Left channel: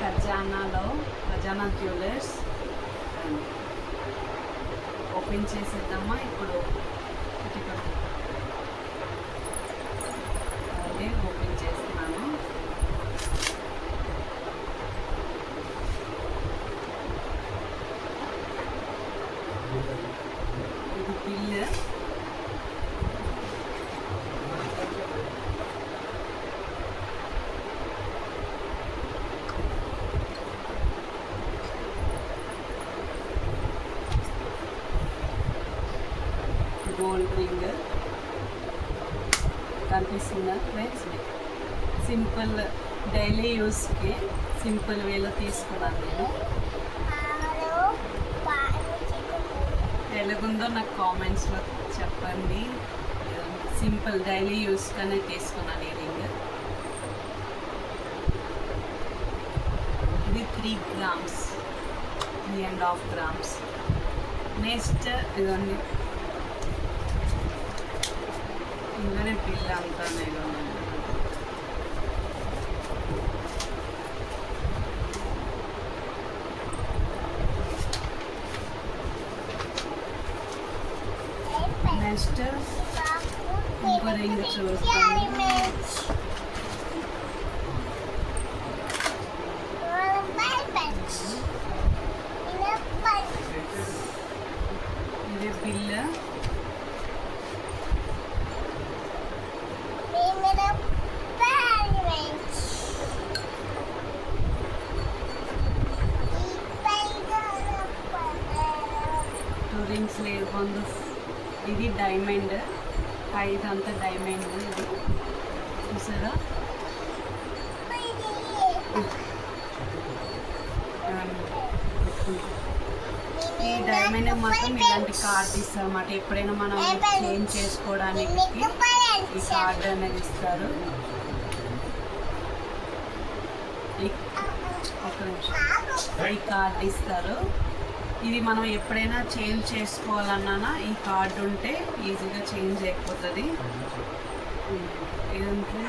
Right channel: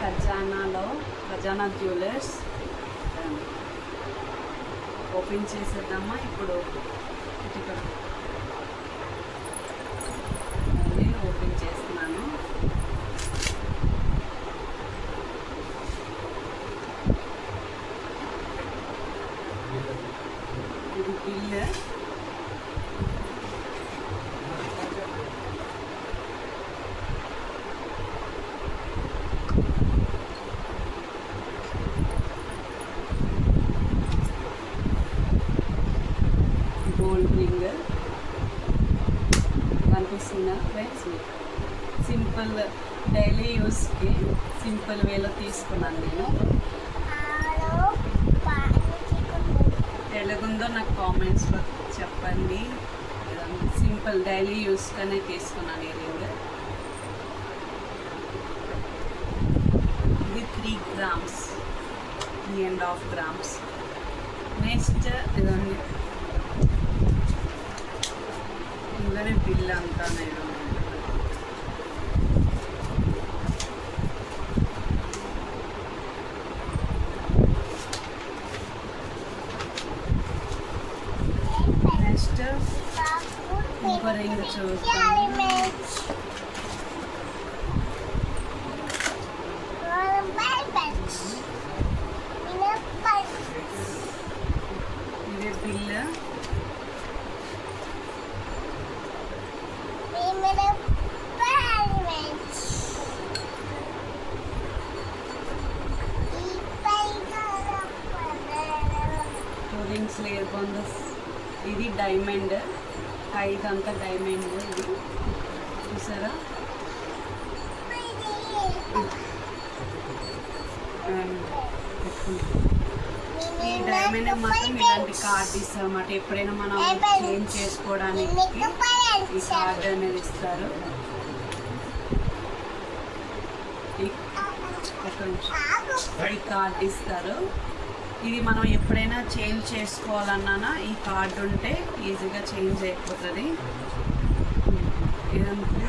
ఖజానా jewellers open చేసేద్దామా ఇప్పుడు. నేను ఓపెన్ చేస్తున్నాను. ఇది బిల్. గోల్డ్ రింగ్ కనిపిస్తుందా ఫ్రెండ్స్? సింపుల్ డైలీ యూస్కి సింపుల్ వేలో తీసుకున్నాను నేను. ఎలాగుందో నాకు కామెంట్స్లో చెప్పండి. సింపుల్ డైలీ యూస్గానే తీసుకున్నాను ఈ రింగ్. ఇది 3 grams, 3.5 grams. నెక్స్ట్ ఇదన్నీ ఇందులోనే బిల్ అంతా నేను నెక్స్ట్ ఇంకో రింగ్ చూస్తాను. ఇది బిల్. రింగ్స్ లేకుండా ఇది డైమండ్, ఇదంతా డైమండ్. ఇది చూసారా? ఈ డైమండ్ మాత్రం ఇలాంటి కార్డ్ ఇస్తారు అన్నమాట. ఎప్పుడైనా మనం చేంజ్ చేసుకోవడానికి ఈ కార్డ్ అనేది ఇస్తారు. ఒక నిమిషం, ఈ కార్డ్ ఇస్తారు. ఇది మనం ఎప్పుడైనా చేంజ్ చేసుకోవాలన్నా ఈ కార్డు ఉంటే ఈజీగా చేంజ్ అయిపోతుంది. ఇదంతా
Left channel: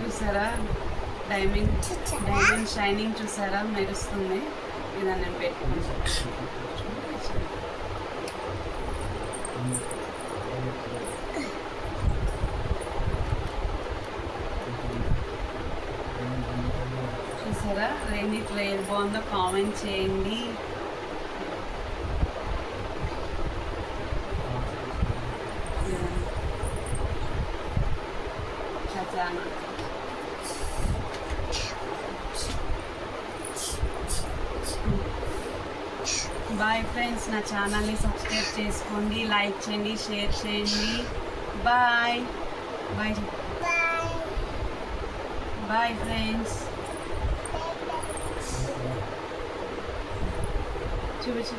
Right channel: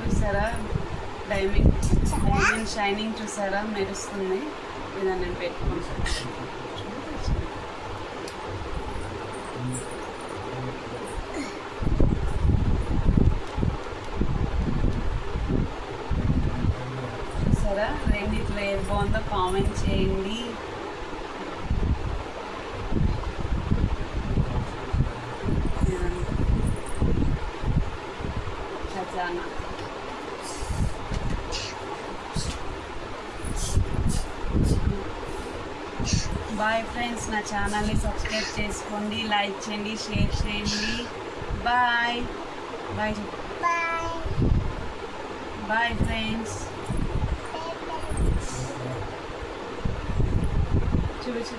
చూసారా? డైమండ్ షైనింగ్ చూసారా? మెరుస్తుంది. ఇదని నేను పెట్టుకుంటాను. చూసారా? రెండిట్లో ఏది బాగుందో కామెంట్ చేయండి. ఖజానా. బాయ్ ఫ్రెండ్స్, నా ఛానల్ని సబ్స్క్రైబ్ చేసుకోండి, లైక్ చేయండి, షేర్ చేయండి. Bye bye bye friends. చూపించు.